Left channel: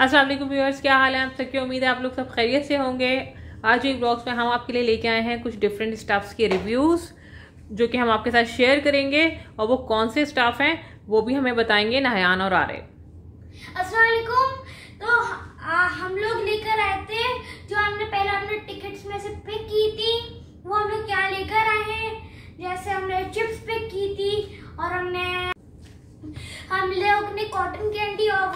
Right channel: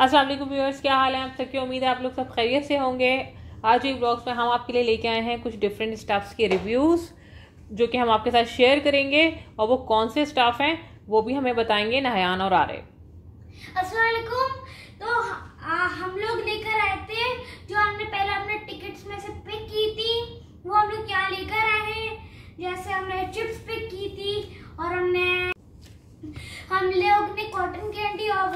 अस्सलाम वालेकुम व्यूअर्स, क्या हाल है आप सबकी। उम्मीद है आप लोग सब खैरियत से होंगे। आज एक ब्लॉग्स में हम आपके लिए लेके आए हैं कुछ डिफरेंट स्टाफ्स के रिव्यूज़ जो कि हम आपके साथ शेयर करेंगे, और वो कौन से स्टाफ हैं वो भी हमें बताएंगे नहयान और आरिफ। अस्सलाम वालेकुम। तो हम लोग लेकर आए थे जो हमने पहले अपने टिकट्स में से पिक की थी, वो हम लोग क्या लेकर आए हैं। जैसे हमने चिप्स पिक की थी और हम लोग ने कॉटन कैंडी और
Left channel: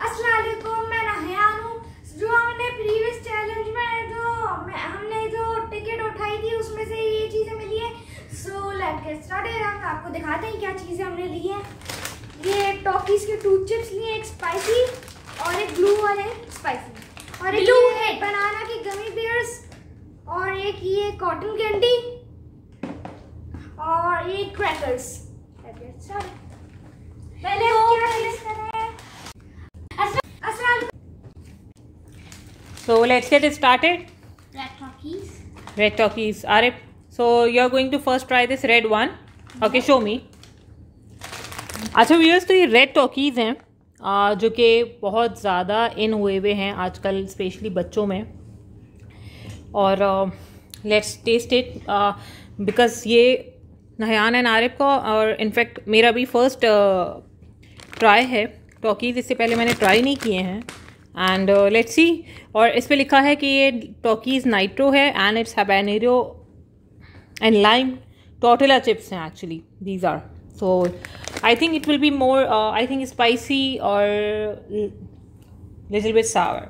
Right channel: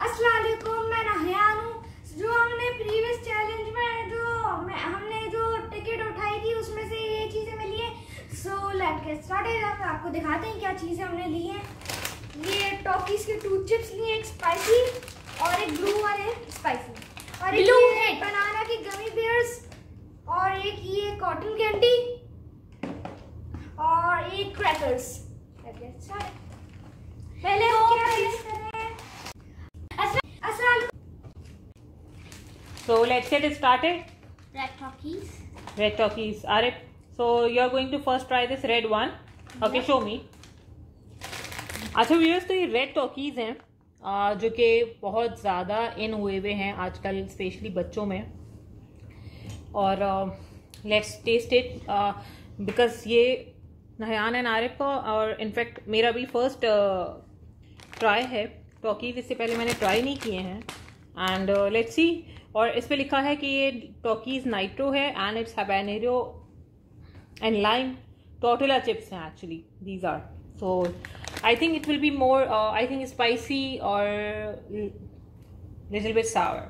अस्सलाम वालेकुम, मैं नहयान हूँ। जो हमने प्रीवियस चैलेंज में हमने जो टिकट उठाई थी उसमें से ये चीजें मिली है। So let's get started. हम आपको दिखाते हैं क्या चीजें हमने ली है। ये टॉकीज के 2 चिप्स लिए, एक स्पाइसी और एक ब्लू वाले स्पाइसी, और एक ये बनाना की गमी बेयर्स, और एक ये कॉटन कैंडी और ये क्रैकर्स। पहले क्या टेस्ट करें। So let's get it started. Red Talkies. Red Talkies. Arif, so you're going to first try this red one. Okay, show me. अच्छा व्यूअर्स, तो ये रेड टॉकीज हैं जो कि बहुत ज़्यादा इन हुए हुए हैं आजकल, स्पेशली बच्चों में। और लेट्स टेस्ट इट बिकॉज ये नहयान एंड आरिफ का, और इनफैक्ट मेरा भी फर्स्ट ट्राई है टॉकीज। इससे पहले मैंने ट्राई नहीं किए हैं। And let's see. और इस पे लिखा है कि ये टॉकीज नाइट्रो है and it's habanero and lime tortilla chips हैं actually these are. So I think it will be more I think spicy और लिटिल बिट सावर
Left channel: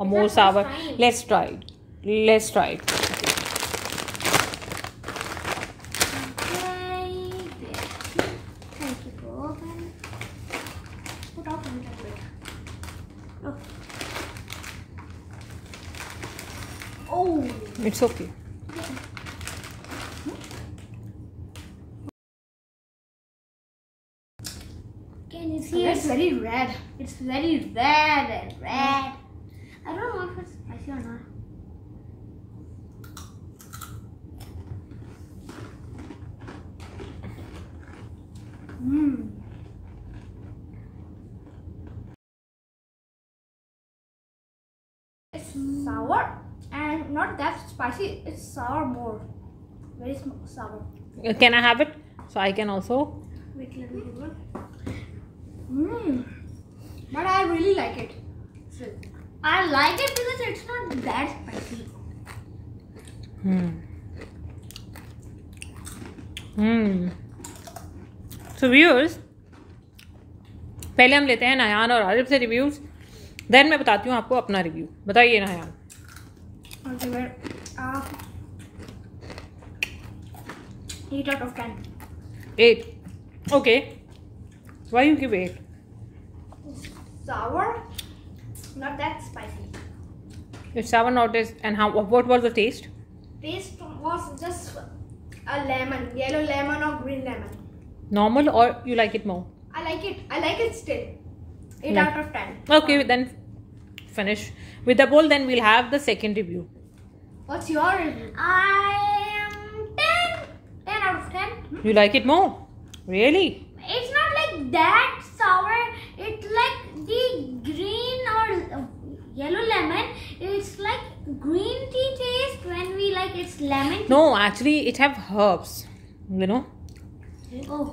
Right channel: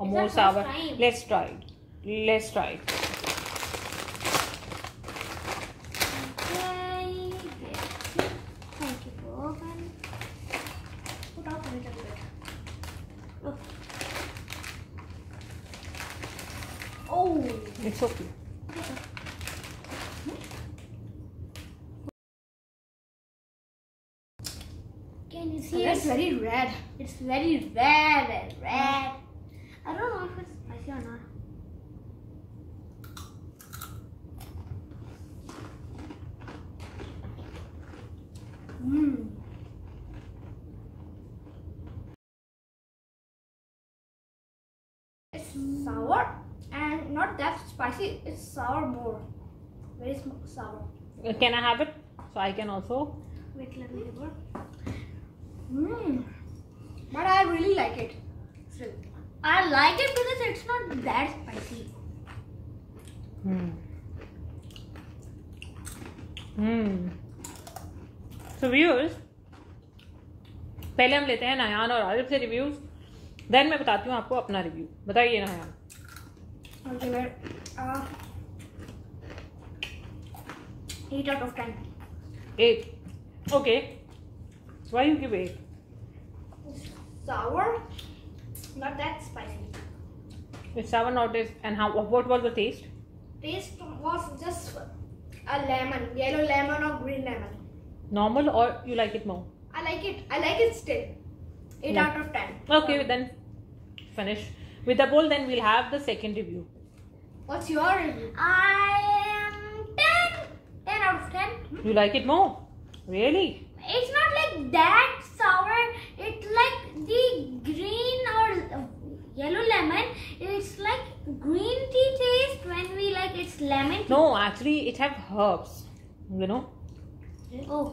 और more sour. Let's try it. Oh, It's okay. can you see? It's very red. It's very red and red. I don't know if it's spicy or not. It's sour and not that spicy. It's sour more. Very sour. Can I have it? So I can also. Wait, let me give one. But I really like it. I like it because it's not that spicy. So viewers, पहले हम लेते हैं Nahyan और आरिफ से reviews, then मैं बताती हूँ आपको अपना रिव्यू। बताइए Nahyan. Okay, well, 8 out of 10. 8. Okay. Why you give 8? Sour, not that spicy. It's sour, not as. And how? What was the taste? Taste was just a lemon, yellow lemon or green lemon. Normal, or you like it more? I like it. I like it still. 8 Yeah. out of 10. Okay, then finish with the bowl. Then we'll have the second review. What's your review? I am 10. 10 out of 10. You like it more? Really? It's not like that sour. It's like the green or yellow lemon. It's like green tea taste when we like it's lemon tea. No, actually, it have herbs. You know. Oh.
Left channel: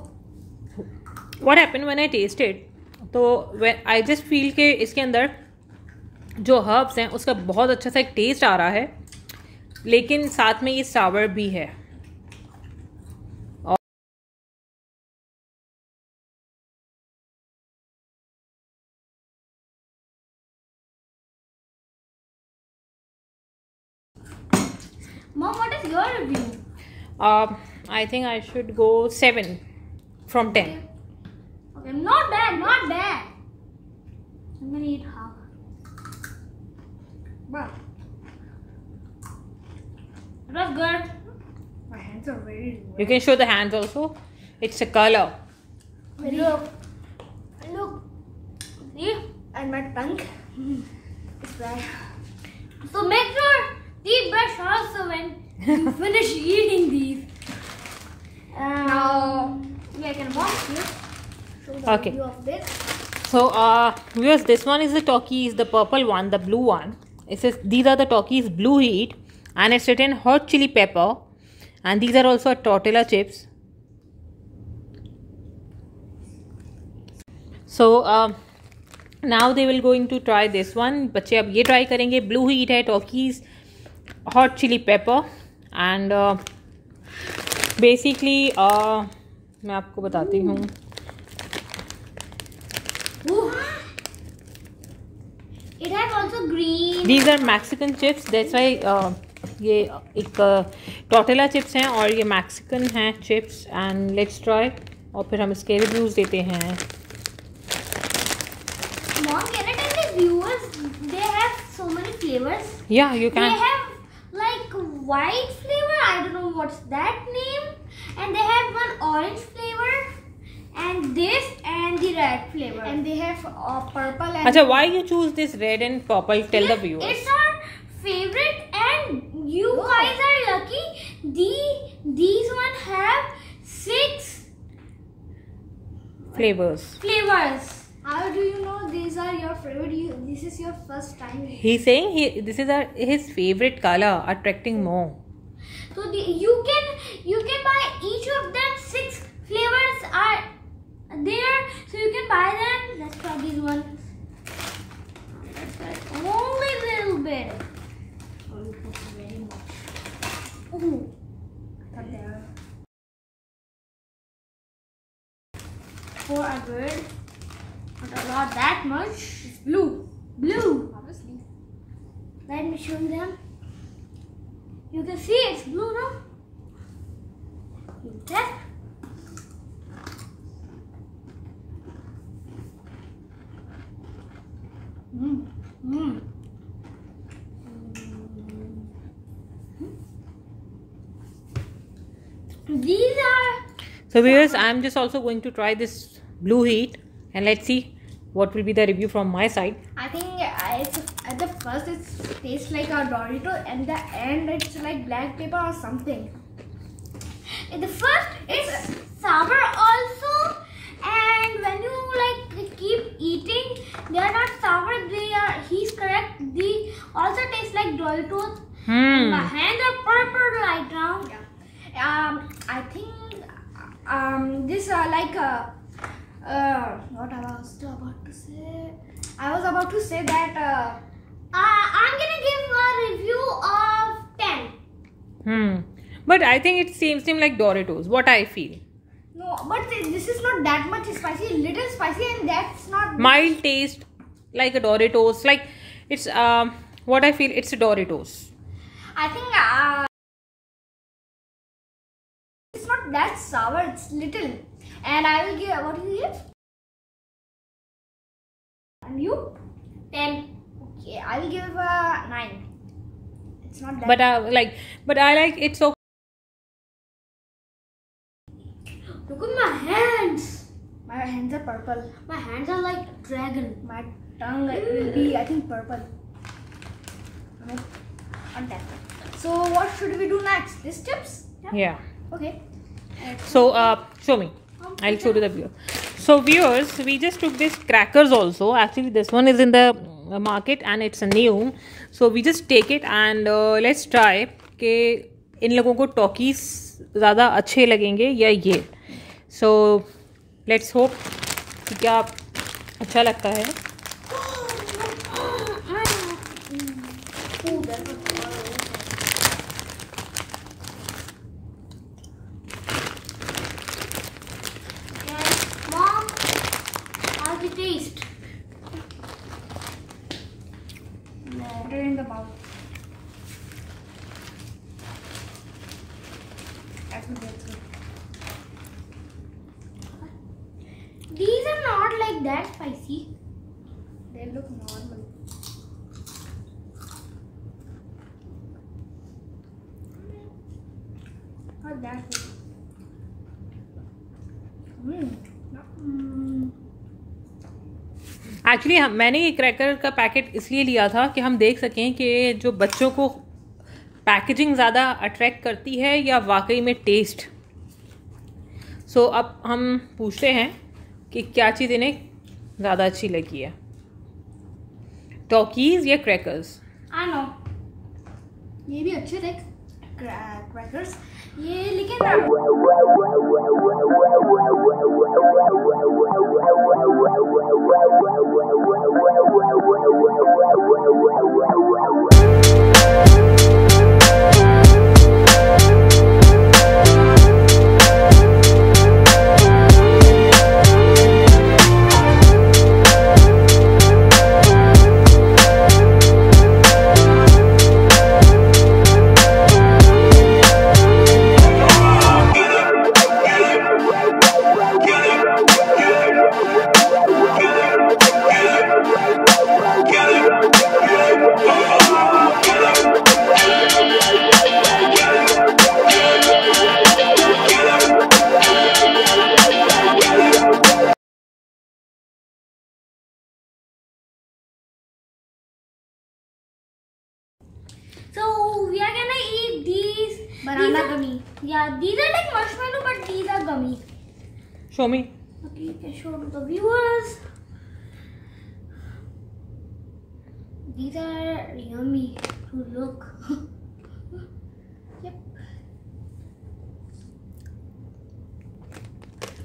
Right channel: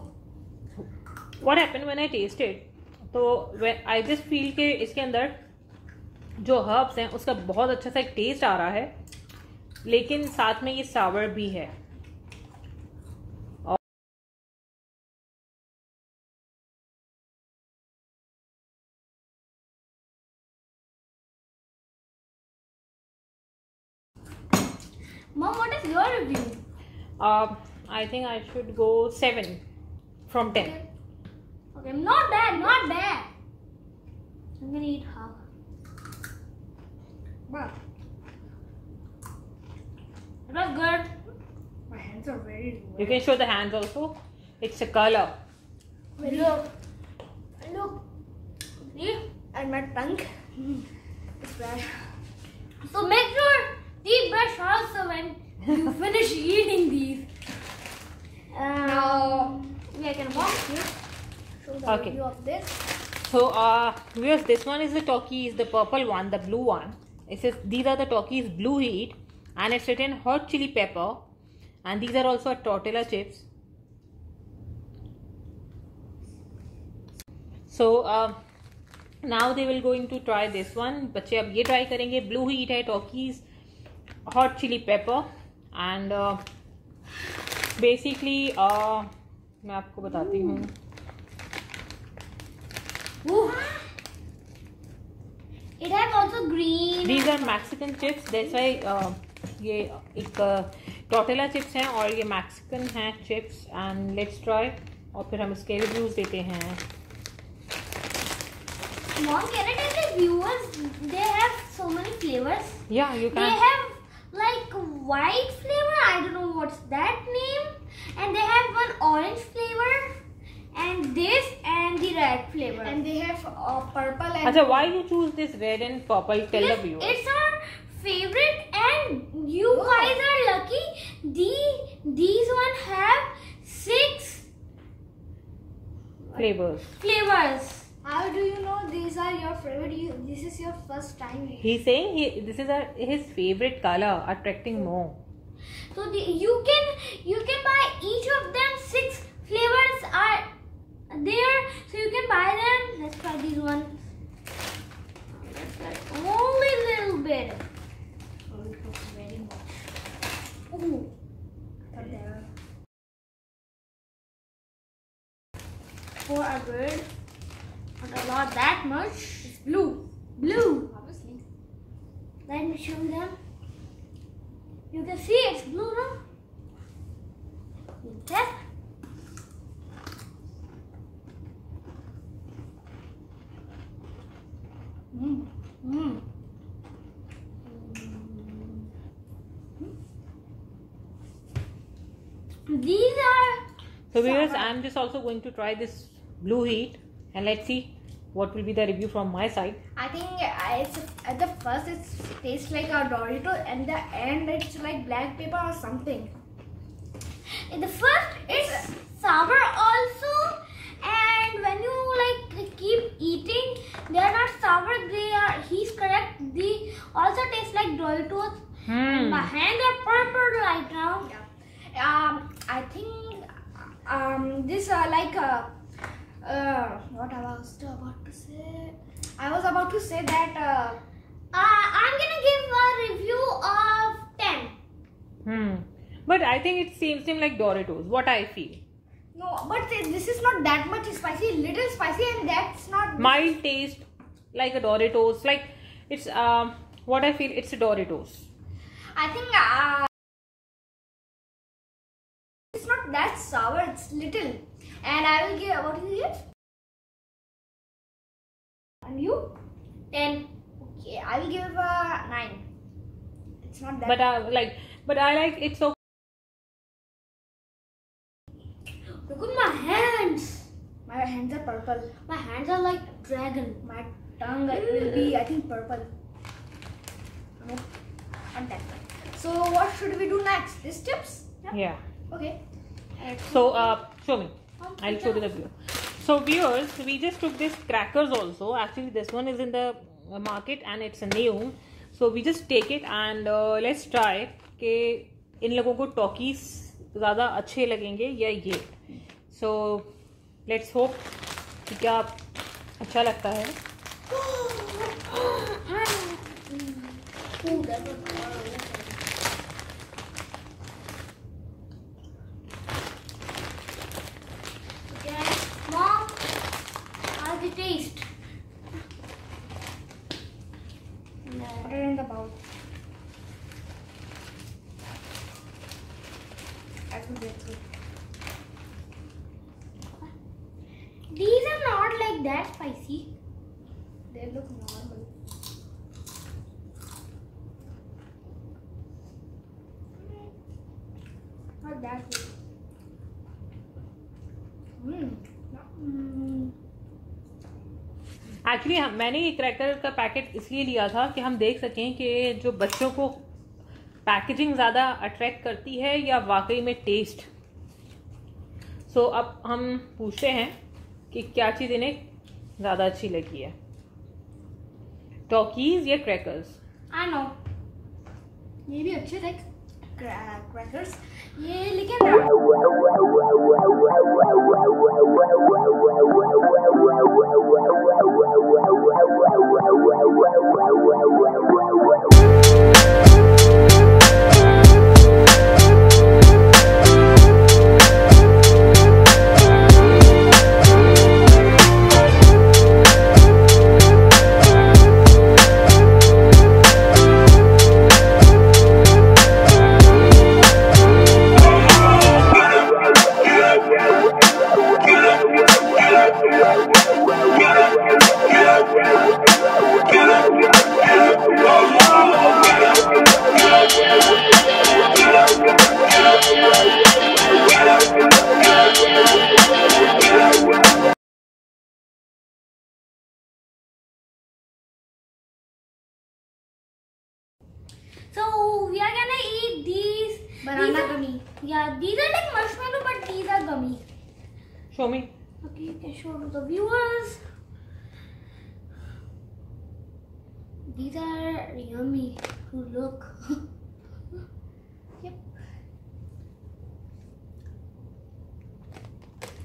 What happened when I tasted? तो when I just feel कि इसके अंदर जो herbs हैं उसका बहुत अच्छा सा एक टेस्ट आ रहा है, लेकिन साथ में ये सावर भी है। Mom, what is your review? I think I should go 7 from 10. Okay, not bad, not bad. I'm gonna eat half. But it was good. My hands are very wet. You can show the hands also. It's a color. Look. See? And my tongue is red. So make sure to brush also when you finish eating these. Now we can box you. Show the Okay. review of this. So viewers, this one is the Takis, the purple one, the blue one. It says these are the Takis Blue Heat, and it's written hot chili pepper, and these are also tortilla chips. So now they will going to try this one. बच्चे अब ये try करेंगे. Blue Heat है, Takis hot chili pepper, and basically मैं आपको बताती हूँ. It has also green. These are Mexican chips. That's why ये एक tortilla chips हैं और ये Mexican हैं chips. And let's try. और फिर हम इसके reviews देते हैं. Mom, can I tell the viewers they have so many flavors? Yeah, you can. They have like white flavor. I don't know what's that name. And they have one orange flavor. And this and the red flavor. And they have purple and... Achha, why you choose this red and purple? Tell the viewers. It's our favorite and you guys are lucky. These one have 6 flavors. How do you know these are your favorite? This is your first time. He's saying this is his favorite color, attracting more. So you can buy each of them. 6 flavors are there, so you can buy them. Let's try these ones. Let's try only a little bit. Oh, it looks very much. Oh, I thought there. For a bird, not a lot that much. It's blue. Blue. Obviously. Let me show them. You can see it's blue now. That. These are... So viewers, I'm just also going to try this Blue Heat and let's see what will be the review from my side. I think at the first it tastes like a Dorito and the end it's like black pepper or something. In the first it's sour also, and when you like keep eating they are not sour, he's correct, they also taste like Doritos. My hands are purple right now. I think this like what I was about to say. I was about to say that I'm gonna give a review of 10. But I think it seems like Doritos. What I feel. No, but this is not that much spicy. Little spicy, and that's not mild taste like a Doritos. Like it's what I feel. It's a Doritos. I think it's not that sour. It's little, and I will give. What do you give? And you? 10. Okay, I will give 9. It's not that. But I like it so. Look at my hands. My hands are purple. My hands are like a dragon. My tongue will be, I think, purple. No, not that. So what should we do next? These chips? Yeah. Okay. So show me. I'll show to the viewer. So viewers, we just took this crackers also. Actually, this one is in the market and it's new. So we just take it and let's try कि इन लोगों को Takis ज़्यादा अच्छे लगेंगे या ये. So let's hope कि क्या अच्छा लगता है. Mom, how's the taste? Put it in the bowl. That's good. These are not like that spicy. They look normal. Not that good. Actually मैंने ये क्रैकर का पैकेट इसलिए लिया था कि हम देख सकें कि जो बच्चों को पैकेजिंग ज़्यादा अट्रैक्ट करती है या वाकई में टेस्ट. सो अब हम पूछते हैं कि क्या चीज़ इन्हें ज़्यादा अच्छी लगी है, टॉकीज या क्रैकर्स? आई नो, ये भी अच्छे थे क्रैकर्स ये, लेकिन so we are gonna eat these banana gummy. Yeah, these are like marshmallow, but these are gummy. Show me. Okay, you can show to the viewers. These are yummy to look. Yep.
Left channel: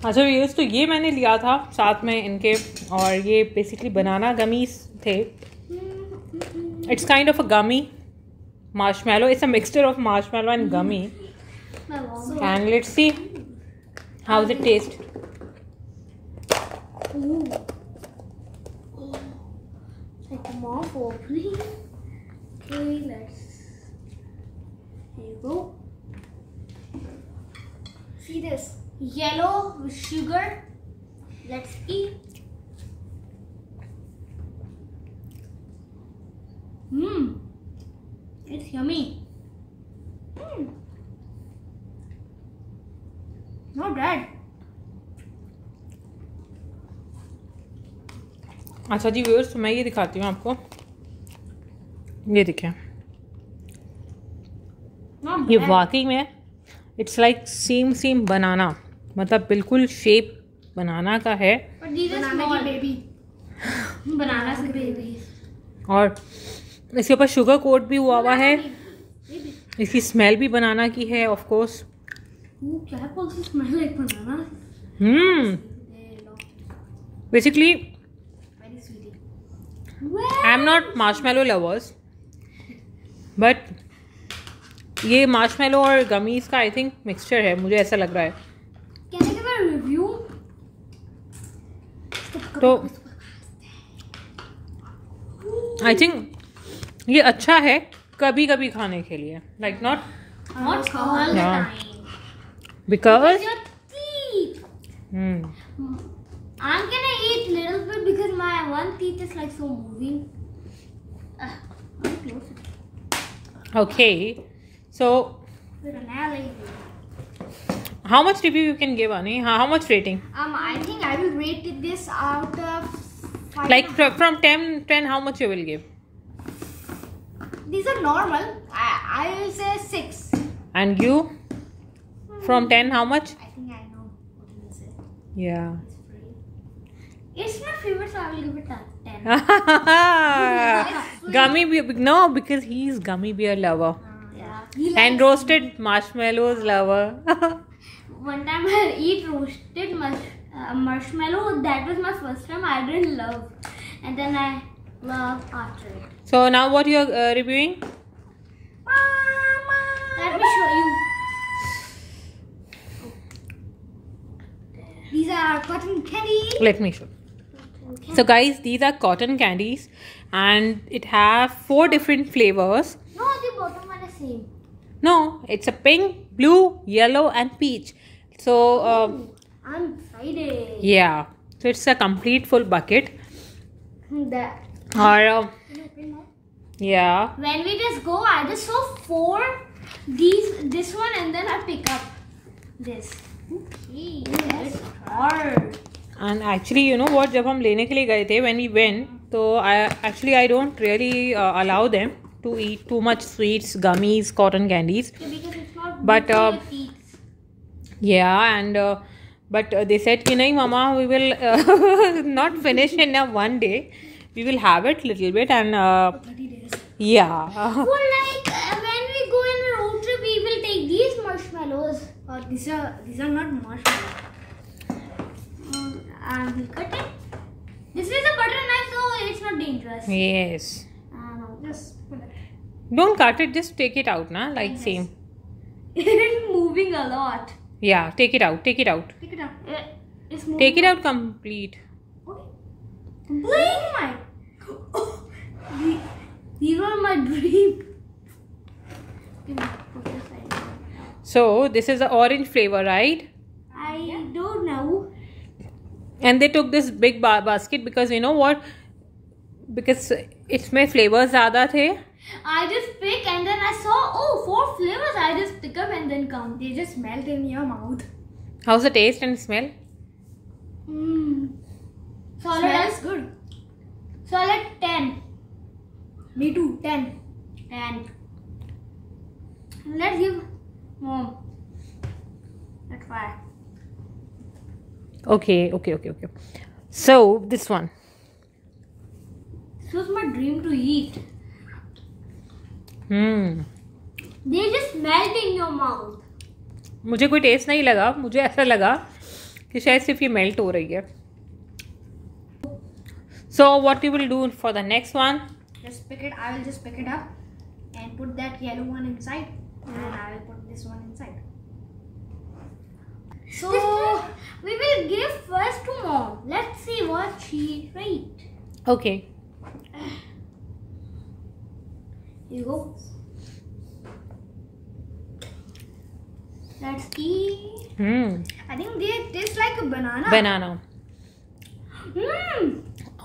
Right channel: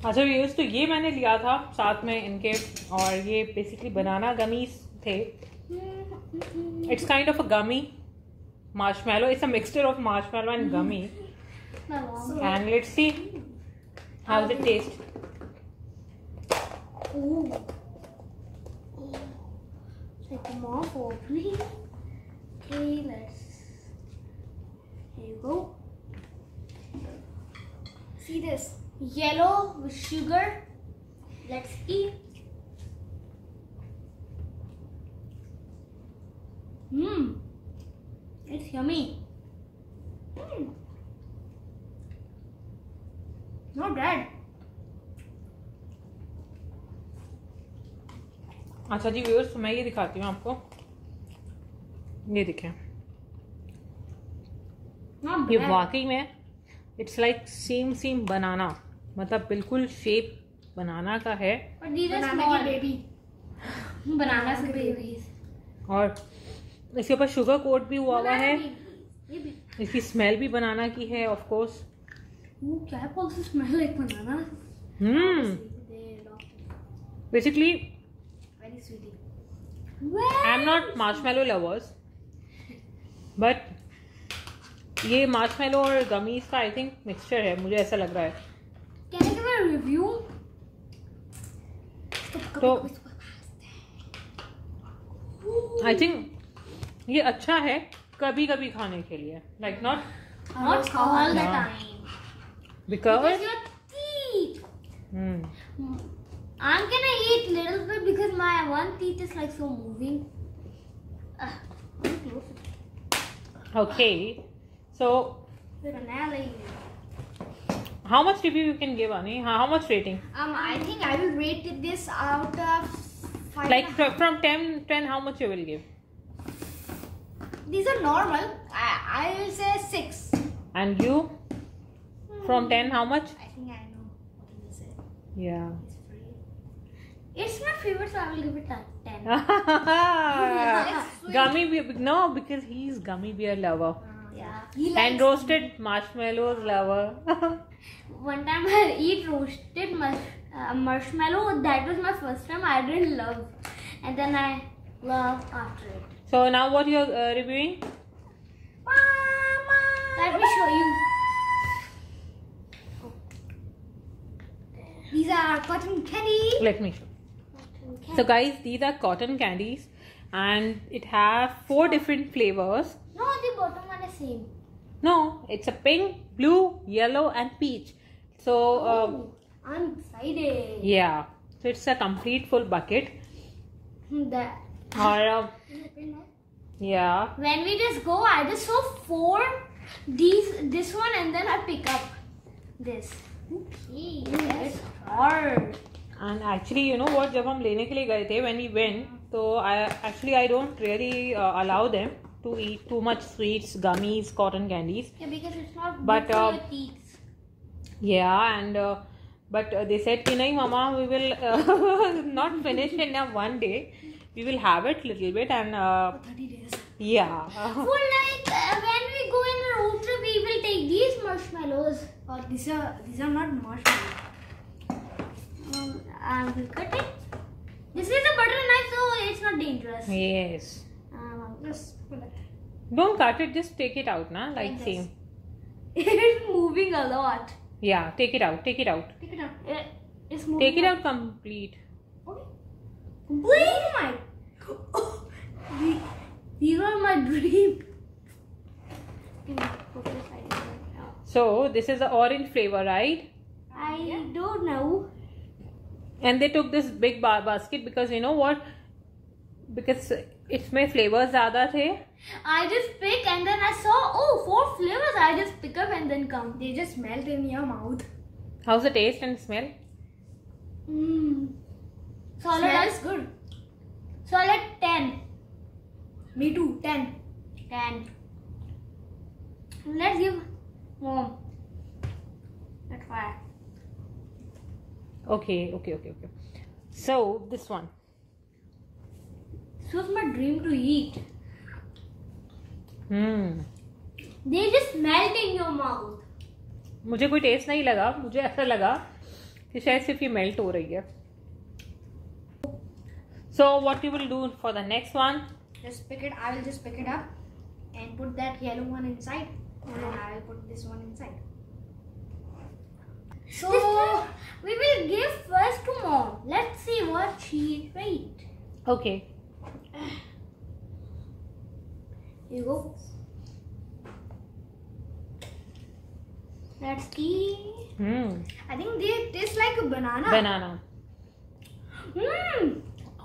अच्छा viewers, तो ये मैंने लिया था साथ में इनके, और ये बेसिकली बनाना गमीज थे. It's kind of a gummy marshmallow. It's a mixture of marshmallow and gummy. And let's see how does it taste. Ooh. Take them off openly. Okay, let's. Here you go. See this yellow with sugar. Let's eat. It's yummy. Not bad. अच्छा जी viewers, मैं ये दिखाती हूँ आपको. ये देखें, ये वाकई में इट्स लाइक सेम बनाना, मतलब बिल्कुल शेप बनाना का है. बनाना की बेबी. बनाना से बेबी. और इसके ऊपर शुगर कोट भी हुआ है. इसकी स्मेल भी बनाना की है ऑफ कोर्स. क्या कौन सी smell like banana. Basically very sweety. I am not marshmallow lovers, but ये मार्शमेलो और गमीज का आई थिंक मिक्सचर है, मुझे ऐसा लग रहा है. Can I give a review? तो आई थिंक ये अच्छा है कभी कभी खाने के लिए, like not all the time, because I'm gonna eat little bit because my one teeth is like so moving. Okay, so Finale. how much review you can give, Ani? How much rating? I think I will rate this out of 5. Like from 10, how much you will give? These are normal. I will say 6. And you? From 10, how much? I think I know what you will say. Yeah. It's my favorite, so I will give it a 10. Gummy bear, no, because he's gummy bear lover. Yeah. And roasted marshmallows lover. One time I eat roasted marshmallow. That was my first time. I didn't love, and then I love after it. So now what you are reviewing? Mama. Let me show you. These are cotton candy. Let me show. So guys, these are cotton candies, and it have 4 different flavors. No, the bottom one is same. No, it's a pink, blue, yellow, and peach. So I'm excited. yeah, so it's a complete full bucket. That. Or yeah. When we just go, I just saw 4. This one, and then I pick up this. Okay, that's hard. And actually, you know what? जब हम लेने के लिए गए थे, when we went, तो I don't really allow them to eat too much sweets, gummies, cotton candies. Yeah, because it's not But good for your teeth. yeah, and But they said कि नहीं mama, we will not finish in one day. We will have it little bit and 30 days. yeah. Well, like when we go in a road trip, we will take these marshmallows. Or these are not marshmallows. I will cut it. This is a butter knife, so it's not dangerous. Yes. I'll just pull it. Don't cut it. Just take it out, na? Like Yes. same. It's moving a lot. Yeah. Take it out. Take it out. Take it out. It's moving. Take it out complete. Okay. Oh my. These are my dream. So this is the orange flavor, right? I don't know. And they took this big basket because you know what? Because इसमें flavors ज़्यादा थे. I just pick and then I saw 4 flavors. I just pick up and then count. They just melt in your mouth. How's the taste and smell? Smells good. Solid 10. Me too. 10. 10. Let's give Mom. Let's try. Okay. So this one. This was my dream to eat. They just melt in your mouth. मुझे कोई test नहीं लगा. मुझे ऐसा लगा कि शायद सिर्फ ये मेल्ट हो रही है. So what we will do for the next one? Just pick it. I will just pick it up and put that yellow one inside, and then I will put this one inside. So we will give first to Mom. Let's see what she write. Okay. Here you go. Let's eat. I think they taste like a banana. Banana.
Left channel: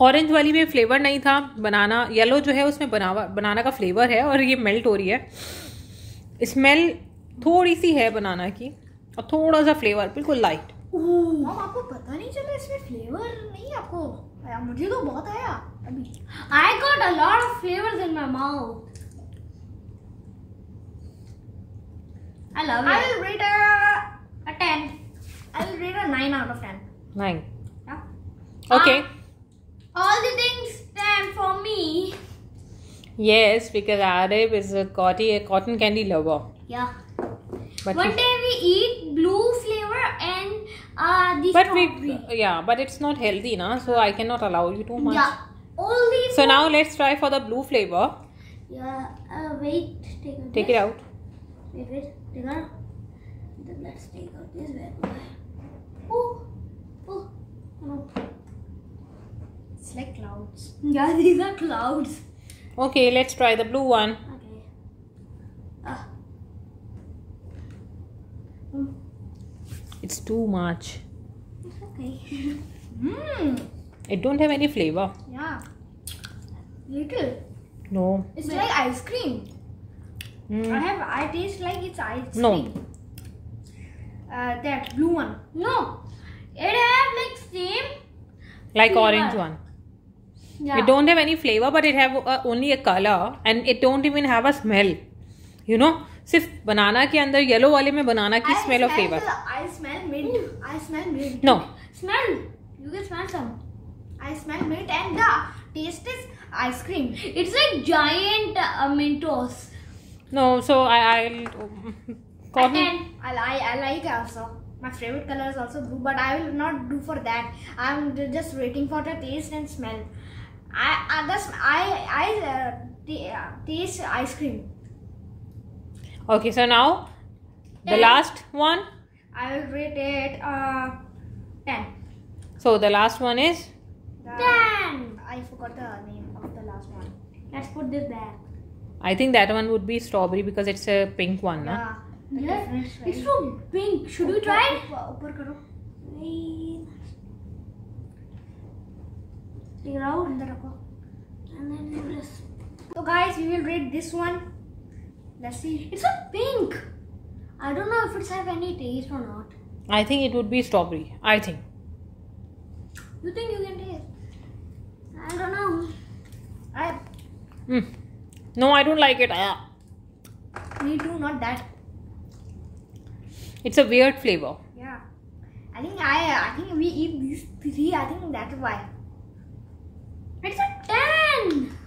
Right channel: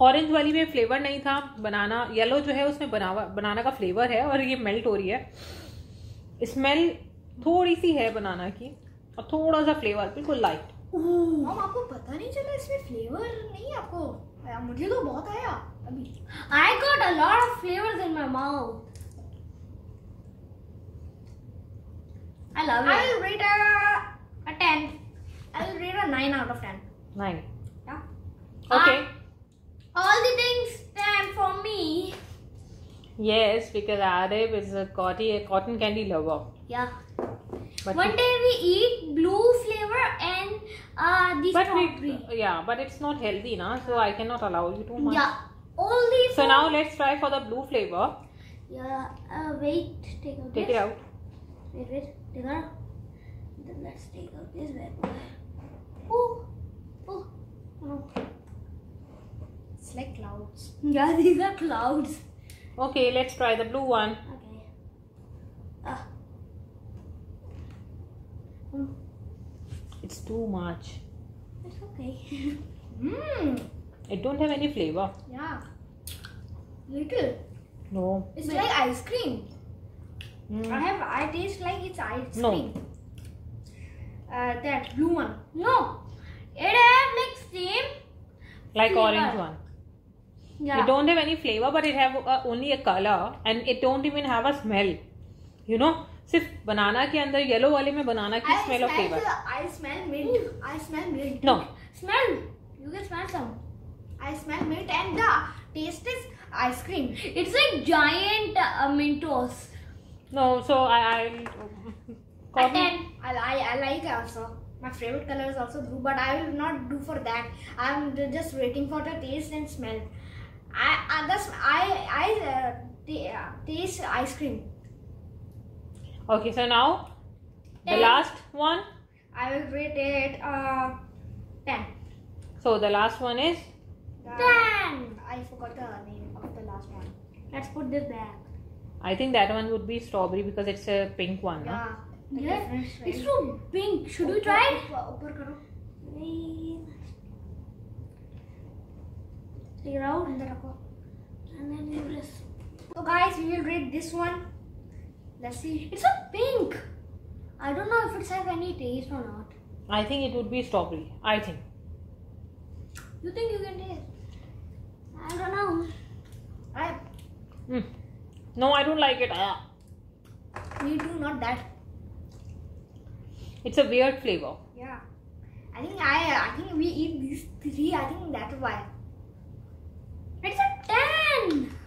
Orange वाली में flavour नहीं था. बनाना yellow जो है उसमें बनाना का flavour है और ये मेल्ट हो रही है. स्मेल थोड़ी सी है बनाना की और थोड़ा सा फ्लेवर बिल्कुल लाइट. मम आपको पता नहीं चला इसमें फ्लेवर नहीं आपको आया? मुझे तो बहुत आया अभी. I got a lot of flavors in my mouth. I love it. I will rate a 10. I will rate a 9 out of 10. 9. Yeah. Okay. All the things 10 for me. Yes, because Arif is a cotton candy lover. Yeah. But One day we eat blue flavor and the strawberry. but it's not healthy, na. So I cannot allow you too much. Yeah. Only. So now let's try for the blue flavor. Yeah. Wait. Take it out. Wait. Take it out. Then let's take out this bad boy. Oh. No. It's like clouds. Yeah, these are clouds. Okay, let's try the blue one. Okay. It's too much. It's okay. It don't have any flavor. Yeah. Little. No. It's like ice cream. I taste like it's ice cream. That blue one. No. It have like same. Like flavor. orange one. Yeah. It don't have any flavor, but it have only a color, and it don't even have a smell. You know, सिर्फ बनाना के अंदर yellow वाले में बनाना की smell और flavour. I smell mint. I smell mint. No. Smell. You can smell some. I smell mint and the taste is ice cream. It's like giant Mentos. No, so I'll. I like also. My favorite color is also blue, but I will not do for that. I'm just waiting for the taste and smell. I taste ice cream. Okay, so now the last one. I will rate it 10. So the last one is 10. I forgot the name of the last one. Let's put this back. I think that one would be strawberry because it's a pink one. Yeah. It's so pink. Should we try it? Upar karo. Take it out. And then you just. So guys, we will rate this one. Let's see. It's a pink. I don't know if it's have any taste or not. I think it would be strawberry. I think. You think you can taste? I don't know. No, I don't like it. Me too. Not that. It's a weird flavor. Yeah. I I think we eat these 3. I think that's why. It's a 10.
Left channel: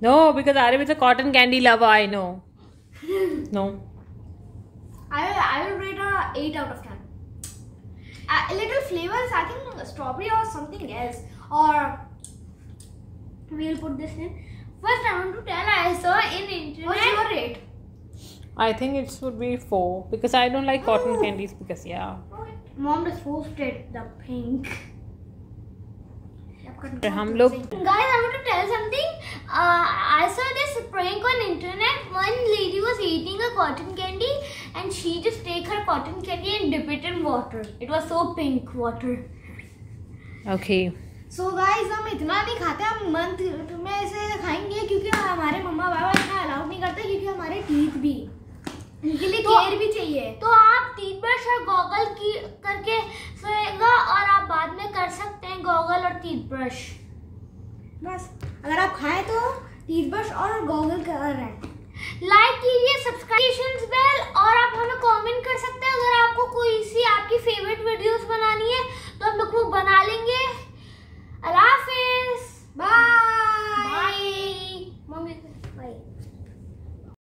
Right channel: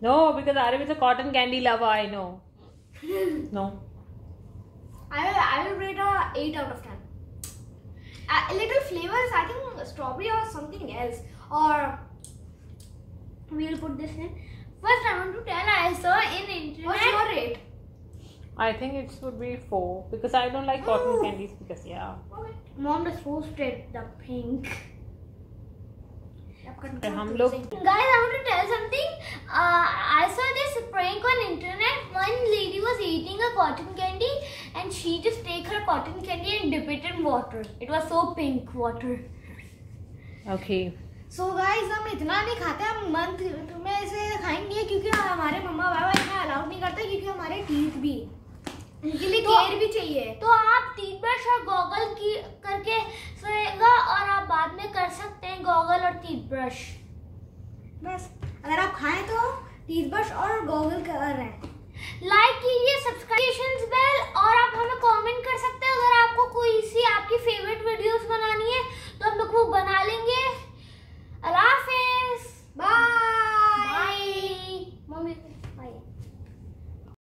No, because Arif is a cotton candy lover. I know. No. I will rate a 8 out of 10. Little flavors. I think strawberry or something else. Or we'll put this in. First, I want to tell. I saw in internet. What's your rate? I think it would be 4 because I don't like cotton candies because yeah. Okay. Mom just posted the pink. हम लोग Guys, I want to tell something. I saw this prank on internet. One lady was eating a cotton candy and she just take her cotton candy and dip it in water. It was so pink water. Okay. So guys, हम इतना नहीं खाते, हम month में ऐसे खाएंगे क्योंकि हमारे मम्मा पापा इतना अलाउ नहीं करते क्योंकि हमारे टीथ भी उनके लिए केयर भी चाहिए। तो आप टीथ ब्रश और गॉगल की करके सोएगा और आप बाद में कर सकते हैं गॉगल और टीथ ब्रश। बस अगर आप खाएं तो टीथ ब्रश और गॉगल कर रहे हैं। लाइक कीजिए, सब्सक्रिप्शन